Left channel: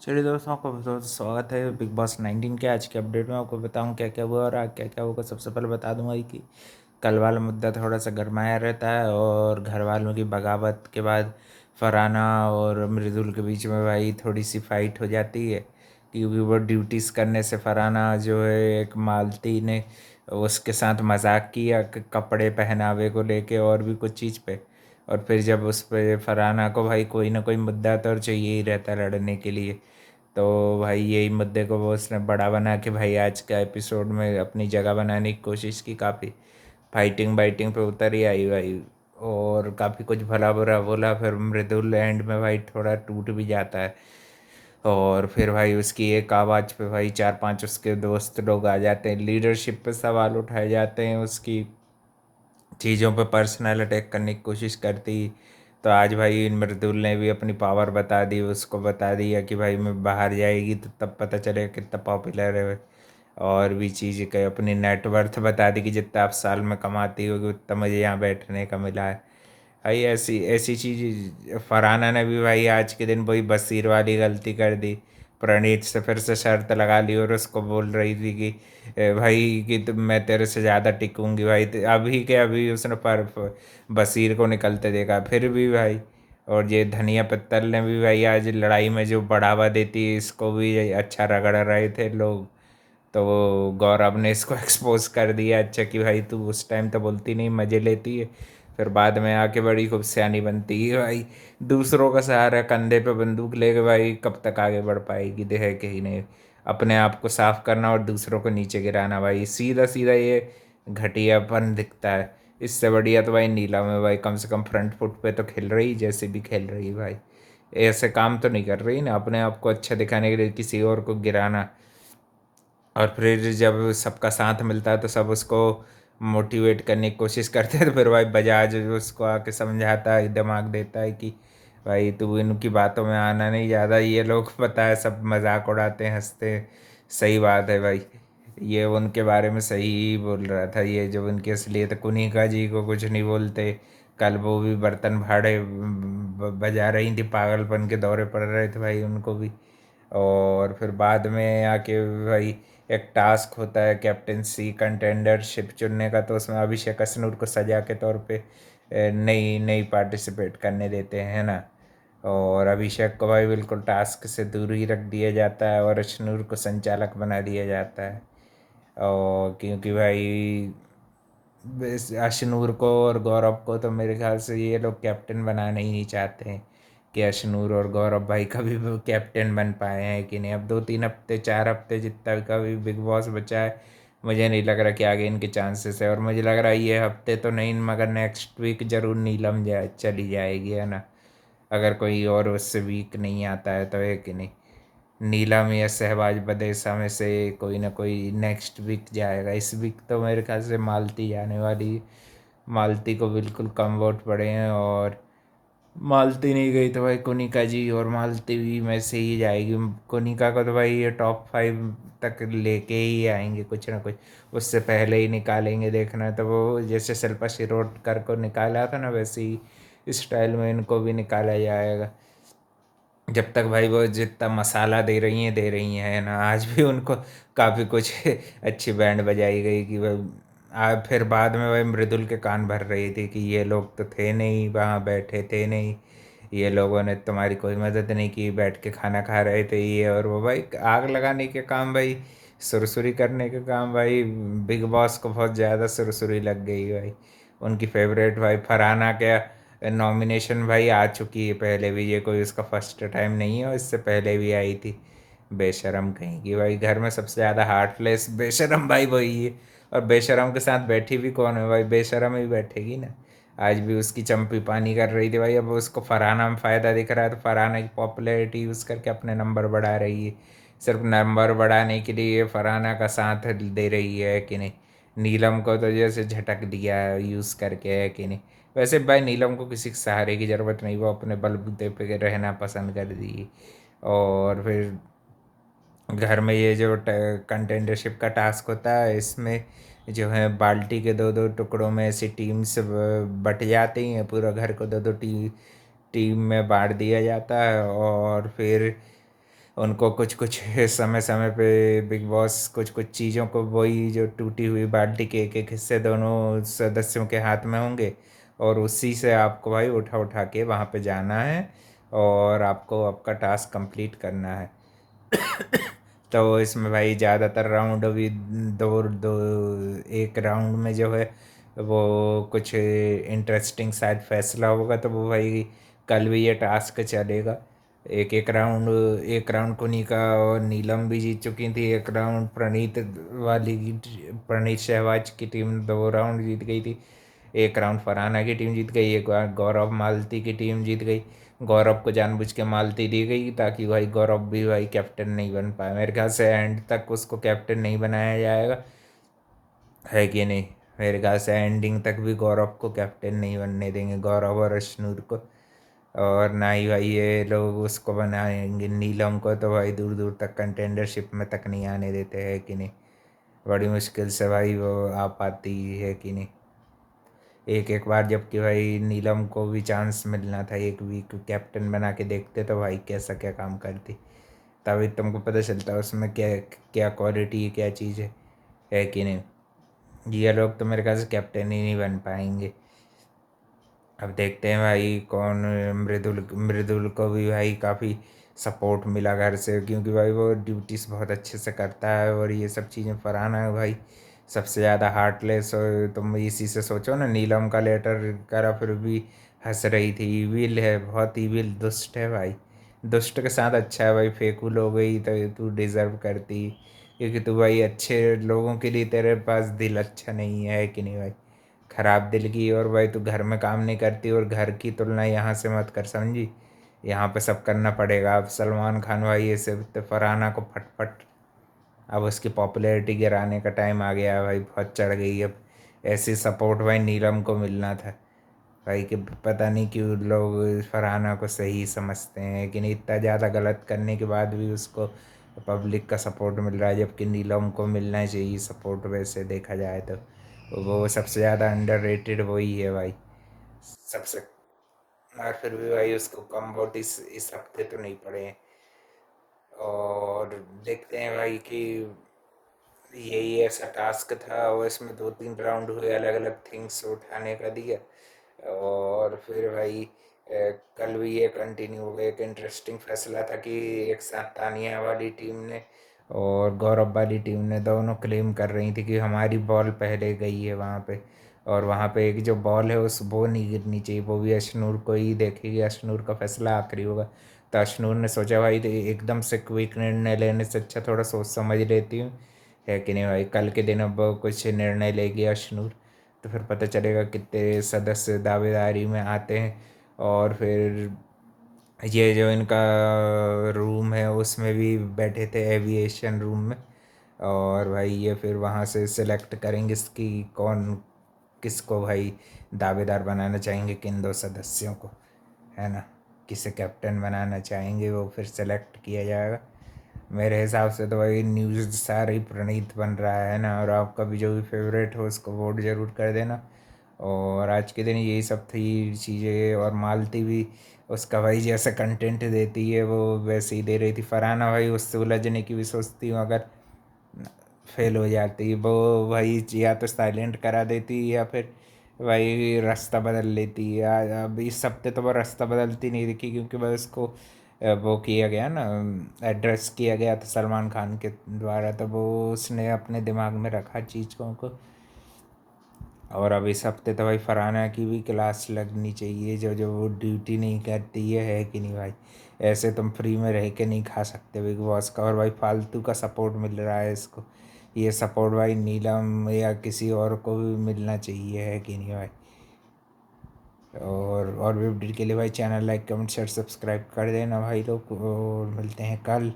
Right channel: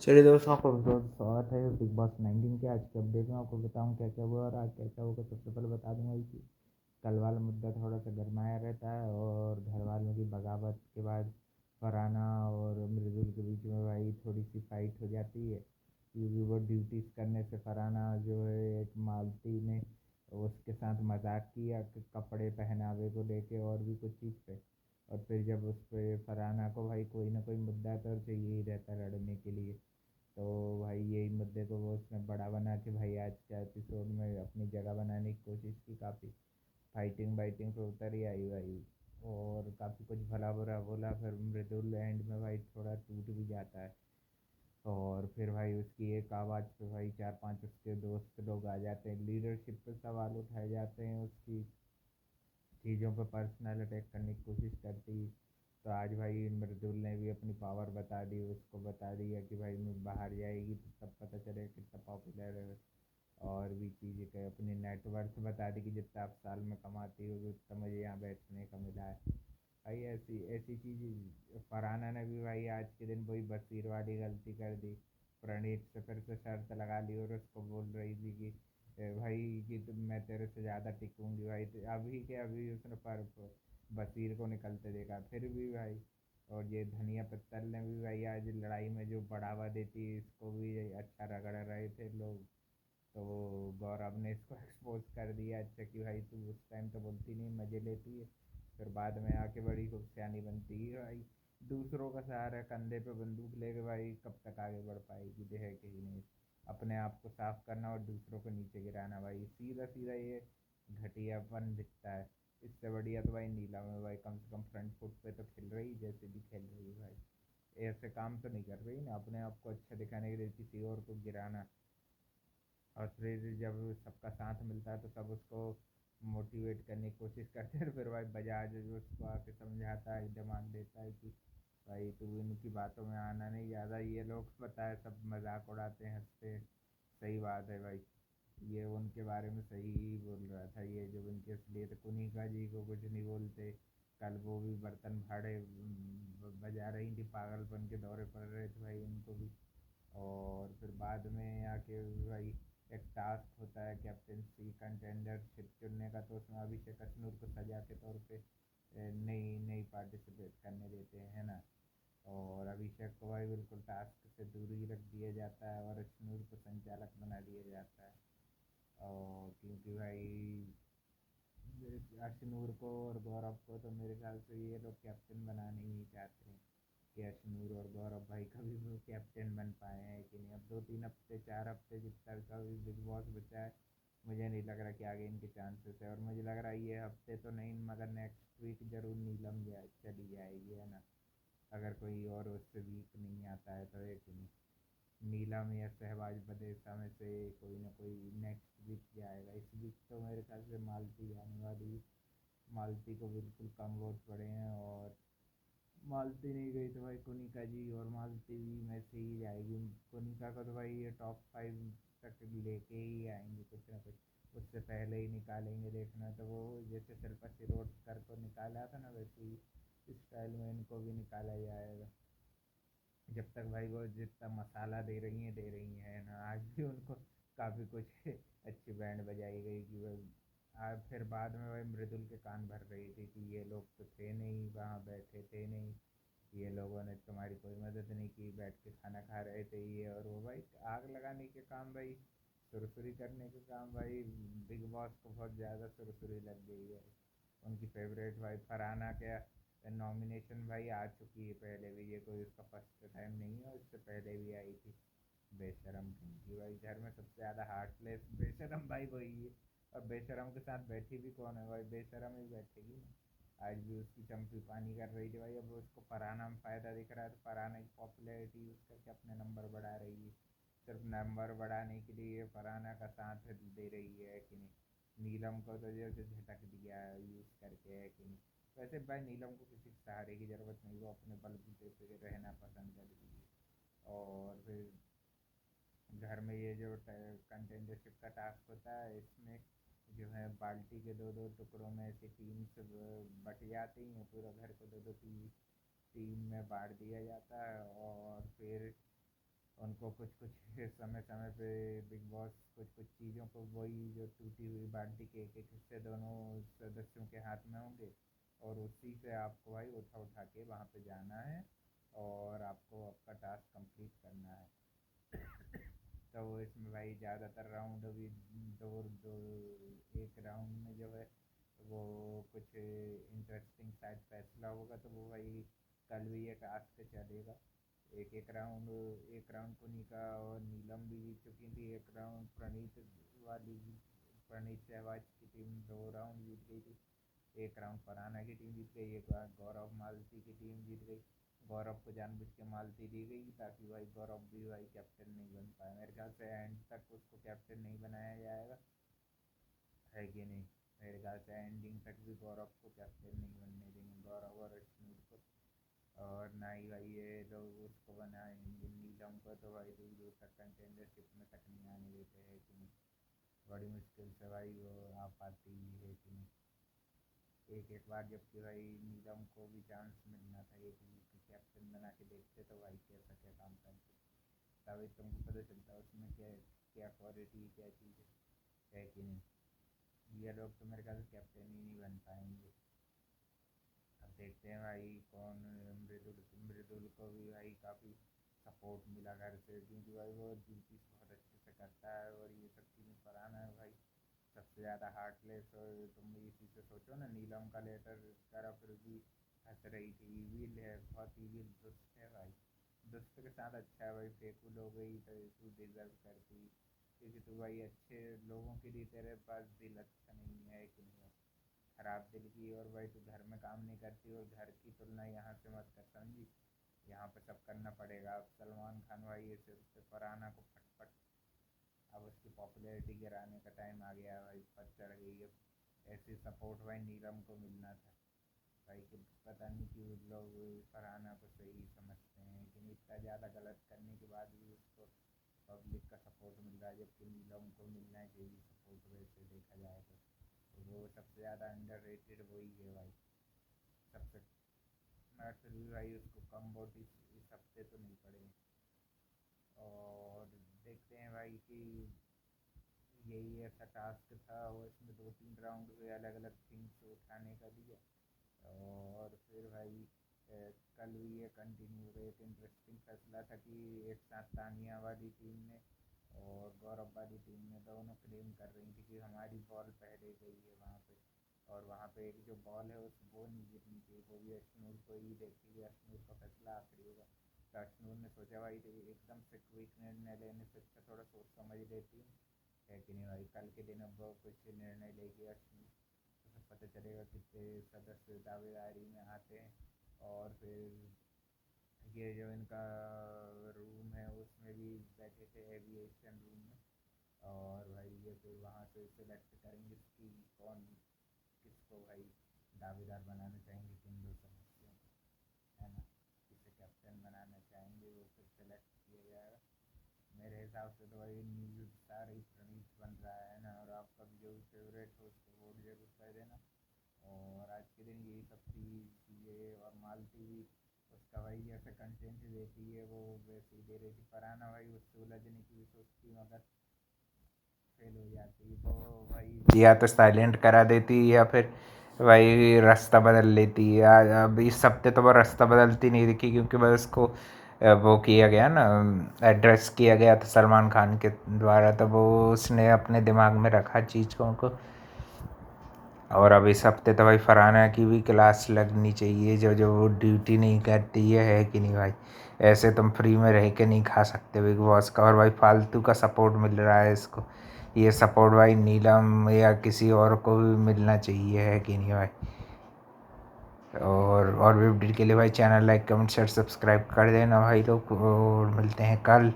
चलिए दोस्तों, आपको बहुत बहुत स्वागत है बिग बॉस 19 के आज के अपडेट में। आपको बताऊं क्या क्या हुआ और आज क्या क्या होगा। सबसे पहले बता दूंगा कि कल वाला मुद्दा थोड़ा सा गरमाया रहता है और घर वालों की बगावत के बाद फरहाना और मृदुल के बीच में भाई थोड़ी सी फाइट हो जाती है, क्योंकि वो ड्यूटीज़ करने से फरहाना जो है एक मालती ने उसके साथ मजाक किया कपड़े पहनावे को लेके और भी कुछ चीज़ पे। और फिर जब उस पे फरहाना को भाई कोई ना कोई मुद्दा तो चाहिए ही रहता है लड़ने के लिए, तो भाई यही मुद्दे को वो उसने बड़ा बना के भाई आज का एपिसोड में अपनी जगह बनाने की कोशिश की। काफ़ी फाइटिंग बाइटिंग पे उतर ही आई भाई, और काफ़ी कुछ भला बुरा बोला। फिर मृदुल एंड में भाई थोड़ा टूट भी जाता है, और फिर भाई उसकी एक आवाज़ पे भाई चार पांच उसके दोस्त लोग आ जाते हैं, लीडरशिप पे सवाल उठाए जाते हैं, उसकी चीज़ों पे पर्सनल अटैक करने की कोशिश करती। तो आज भाई मृदुल ने भी अपनी पावर बता दी, उसको बता दिया कि भाई मैं बाहर जाएगी तो तब पता चलेगा कितना पॉपुलर है। और भी चीज़ के अपनी नेटवर्थ बता दी कि जितना आप साल में कमाती होगी उतना मुझे यहाँ बैठने का मिला है। भाई ऐसी ऐसी चीज़ फरहाना ने भी भाई आज के दिन वही बसीर वाली गलती कर दी। प्रणीत से फिर से शर्त लगा ली और उसको बोल रही थी कि भाई कि तुम मैं तेरे से ज़्यादा टिकूंगी भाई। अभी के अभी उसने बसीर को निकलते देखा फिर भी भाई। और ये धनिया पत्तल ने भी भाई आज लड़ाई में जो बढ़ावा देती है इसको भी अच्छा रगड़ रहे थे लोग। तो वो गौरव ने इसको एक्सपोज कर दिया अच्छा कि भाई तू उस टाइम तो बोलती नहीं, मज़े लेती है, फिर बाद में आके बड़ी खूब सियानी बनती है भाई। दूसरों का सहारा कंधे पे बंदूक लेके भाई कब तक आगे बढ़ पाएगी, देह के ही नहीं। अपने आप को साफ करना और दूसरों को नीचे गिराना भाई, सीधा सीधा ये घटियापन दिखता है। इससे बढ़िया तो भाई नीलम है भाई, कम से कम फ्रंट फुट पे तो खेल रही जैसे भी खेल रही भाई। ऐसे काम तो नहीं कर रही ना अपने आप को अच्छा दिखाने के लिए किसी और को गिराना। और फिर जब सबका साथ मिलता है तो सब उसको मोटिवेट करने की कोशिश करते हैं, तो फिर भाई बजाज उसको आके समझाता है, दिमाग देता है कि भाई तू इनकी बातों में आना नहीं, ज़्यादा ये लोग पता है सब मजाक उड़ाते हैं, हंसते हैं। सही बात है भाई, ये उनके बारे में सही ही बोल रहा था। ये जब उनकी असलियत कुनिका जी को कुछ नहीं बोलते, कल वो भी बर्तन भाड़े बजा रही थी, पागलपन के दौरे पड़ रहे थे भाई उनको भी। और फिर बाद में आके भाई एक टास्क होता है कैप्टेंसी कंटेंडरशिप चुनने का, तो उसमें अभिषेक अश्नूर को सजा के तौर पे नहीं नहीं पार्टिसिपेट करने देते हैं, है ना। और अभिषेक को भाई बिल्कुल टास्क से दूर ही रख दिया जाता है और अश्नूर को संचालक बना दिया जाता है। और क्योंकि भाई अशनूर को और गौरव को तो मेरे ख्याल से ये लोग कैप्टन बनाना ही नहीं चाहते हैं कि अशनूर और गौरव भाई कभी भी कैप्टन बन पाए हैं कि नहीं। अब 2-3 हफ्ते 4 हफ्ते जितना भी कभी बिग बॉस बचा है, मुझे नहीं लग रहा कि आगे इनके चांसेस है। और मुझे लग रहा है ये हफ्ते तो नहीं मगर नेक्स्ट वीक जरूर नीलम चली जाएगी, है ना। अगर कोई और उससे वीक नहीं आता है तो, है कि नहीं। नीलम या शहबाज बदेसा में से कोई ना कोई नेक्स्ट वीक जाएगा। इस वीक तो मेरे ख्याल से मालती जाने वाली है। मालती को बिल्कुल कम वोट पड़े हैं, और मालती नहीं गई तो भाई कोनिका जी और मालती भी में से ही जाएगी। कोनिका को तो भाई ये टॉप 5 तक लेके ही आएंगे कुछ ना कुछ, उससे पहले ही निकालेंगे। देखना है तो वो जैसे शिल्पा शिरोडकर को निकाला था ना, वैसे ही स्टाइल में इनको भी निकाला जाएगा। जब तक भाई वो जितना मसाला दे रही हैं, है ना। आज भी उनको काफ़ी कुछ अच्छी बैंड बजाई गई कि भाई फिर बाद में भाई मृदुल के कान भर रही थी कि ये लोग तो थे नहीं, वहाँ बैठे थे नहीं, ये लोगों ने तुम्हारी कोई मदद नहीं की, बैठ के खाना खा रहे थे ये और वो। भाई आग लगाने के काम भाई, सुरसुरी करने के काम भाई, बिग बॉस को बहुत ज़्यादा सुरसुरी लग गई भाई। उनकी फेवरेट भाई फरहाना क्या नॉमिनेशन भाई आ चुकी है पहले भी, ये कोई उसका फर्स्ट टाइम नहीं है, और इससे पहले भी आई थी। बेशरम कहीं की भाई, घर में सबसे ज़्यादा हार्टलेस बेशरम भाई वही है। और बेशरम के साथ बैठी भी कौन है भाई, बेशरम ही बैठेगी ना। आज भी उसकी चंपी पानी कर रही थी भाई। अब उसको फरहाना में फ़ायदा दिख रहा है तो फरहाना की पॉपुलैरिटी यूज़ करके अपने नंबर बढ़ा रही है। सिर्फ नंबर बढ़ाने के लिए फरहाना का साथ दे रही है कि नहीं। नीलम को तो जैसे झटक दिया है यूज़ करके, है कि नहीं। वैसे भाई नीलम को किसी के सहारे की ज़रूरत नहीं, वो अपने बलबूते पे रहना पसंद कर दी। और फिर घर में ये जो कंटेंडरशिप का टास्क होता है, इसमें जो है बाल्टी के दो दो टुकड़ों में ऐसी टीम्स बट जाती हैं, पूरा घर को दो दो टीम में बांट दिया जाता है। और फिर उनको कुछ कुछ समय समय पे बिग बॉस कुछ कुछ चीज़ों को, वही जो टूटी हुई बाल्टी के एक एक हिस्से दोनों सदस्यों के हाथ में होंगे, और उसी से आपको भाई उठा उठा के वहाँ पे जाना है और आपको आपका टास्क कंप्लीट करना है। तो इसमें भाई ज़्यादातर राउंड अभी दो दो, एक राउंड में जो है वो कुछ इंटरेस्टिंग शायद फैसला होगा, तो वो भाई कल भी ये टास्क चलेगा। एक राउंड कुनिका और नीलम भी जीत चुकी थी, एक राउंड प्रणीत शहवाज की टीम 2 राउंड जीत गई थी, एक राउंड फरहाना की टीम जीत गई, एक बार गौरव मालती की टीम जीत गई। गौरव को जानबूझ के मालती दी गई ताकि भाई गौरव भी भाई कैप्टन नहीं बन पाए। मेरे ख्याल से एंड तक उसको कैप्टन नहीं बनाया जाएगा, है कि नहीं? मेरे ख्याल से एंडिंग तक भी गौरव को कैप्टन नहीं बनने देंगे, गौरव और अश्नूर को। और ना ही भाई ये लोग उसको बनाएंगे नीलम को, तो भाई दूर दूर तक कंटेंडरशिप में तक नहीं आने देते, हैं कि नहीं? बड़ी मुश्किल से भाई वो आ पाती है कि नहीं एक एक बार, जबकि भाई नीलम को भी चांस मिलना था एक वीक ये बना के देखते तो भाई कैसा क्या काम करती, तभी तुमको पता चलता उसमें क्या क्या क्वालिटी है, क्या चीज़ है कि नहीं? ये लोग तो मेरे ख्याल से कैप्टन ही नहीं बन पाएंगे। अब देखते हैं भाई कौन। मृदुल मृदुल को भी भाई काफ़ी सपोर्ट मिला घर से, क्योंकि भाई वो ड्यूटीज़ बहुत अच्छे से करता है और ये सब चीज़ें। फरहाना है भाई सबसे ज़्यादा हार्टलेस, और तुम इसी से सोचो ना, नीलम का लेटर करा फिर भी हंस रही थी। ईविल है, बहुत ईविल, दुष्ट है भाई। दुष्ट के साथ अच्छा है भाई, फेकूल हो गई तो तू डिज़र्व करती, क्योंकि तू भाई अच्छे लोगों के लिए तेरे पास दिल अच्छा नहीं है कि नहीं भाई? खराब दिल की, और भाई तू घर में काम नहीं करती, और घर की तुलना यहाँ से मत कर, समझी? यहाँ पे सब करना पड़ेगा। अब सलमान खान भाई ये सब तो फरहाना को फटफट, अब उसकी पॉपुलैरिटी गिराने का टाइम आ गया है भाई, बहुत चढ़ गई अब। ऐसी सपोर्ट भाई नीलम को मिलना था भाई, कि पता नहीं क्यों लोग फरहाना को सही समझते हैं कि नहीं, इतना ज़्यादा गलत करने के बाद भी उसको पब्लिक का सपोर्ट मिल रहा है, जबकि नीलम को मिलना चाहिए सपोर्ट वैसे देखा जाए तो। वो सबसे ज़्यादा अंडररेटेड वही है भाई, सबसे। और फिर भी भाई उसको कम वोट इस हफ्ते तो नहीं पड़े हैं। और देखते हैं भाई कि यही ऐसा टास्क था, और इसमें 2-3 राउंड हुए, अलग अलग थिंग्स उठाने का दिया। और फिर भाई कल भी ये कंटिन्यू हो गया। एक इंटरेस्टिंग फैसला था कि एक साथ तानिया वाली टीम ने और गौरव वाली टीम ने दोनों क्लेम कर रही थी कि हमारी बॉल पहले गई है वहाँ पे, और वहाँ पे एक जो बॉल है उस वो नहीं गिरनी चाहिए, वो भी अशनूर को ही देखेगी, अशनूर का फैसला आखिरी होगा। तो अशनूर ने सोचा भाई तो एकदम से क्विक निर्णय लेने से अच्छा थोड़ा सोच समझ लेती हूँ, है कि नहीं भाई? कल के दिन अब कुछ निर्णय लेगी अशनूर, तो फिर पता चलेगा कितने सदस्य दावेदारी में आते हैं। और फिर ये जो इनका रूम है उसमें भी बैठे थे, एविएशन रूम में। और भाई ये फिर वहाँ से सिलेक्ट करेंगे इसकी कौन किसको भाई दावेदार बनाना चाहेंगे, किन 2 सदस्यों को, है ना? किसे कैप्टन बनाना चाहेंगे वो फिर सेलेक्ट किया जाएगा। मेरे हिसाब से तो भाई न्यूज़ सारा ही प्रणीत बन रहा है ना, और आपका भी जो भी फेवरेट हो उसको वोट ज़रूर कर देना। और आज के दिन यही सब थी चीज़ें। और मालती भी उसका भाई जैसा कंटेंट देती है वो वैसे ही दे रही थी। फरहाना भाई उससे उलझने की भी सोचती हूँ, अगर फेल हो जाती वो भाई या तो साइलेंट करा देती या फिर भाई रास्ता बदल लेती है। अब इस हफ्ते तो वो रास्ता बदलती नहीं दिखी, क्योंकि भाई उसको वो किया गया ना, एड्रेस किया गया था सलमान खान के द्वारा, तो वो उसने अपने दिमाग में रखा चीज़ों को। और अब इस हफ्ते तो भाई फरहाना की भी क्लास लगनी चाहिए, जो जो वो ड्यूटी नहीं करती है कि नहीं भाई? ऐसे तुम फ्री में रह के नहीं खा सकते बिग बॉस का। और भाई फालतू का सपोर्ट मिल रहा है इसको, ये सपोर्ट भाई नीलम या किसी और को भी मिलना चाहिए, है कि नहीं भाई? और भी अपडेट के लिए भाई channel like comment share subscribe कर देना भाई लोग, और मिलते हैं कल।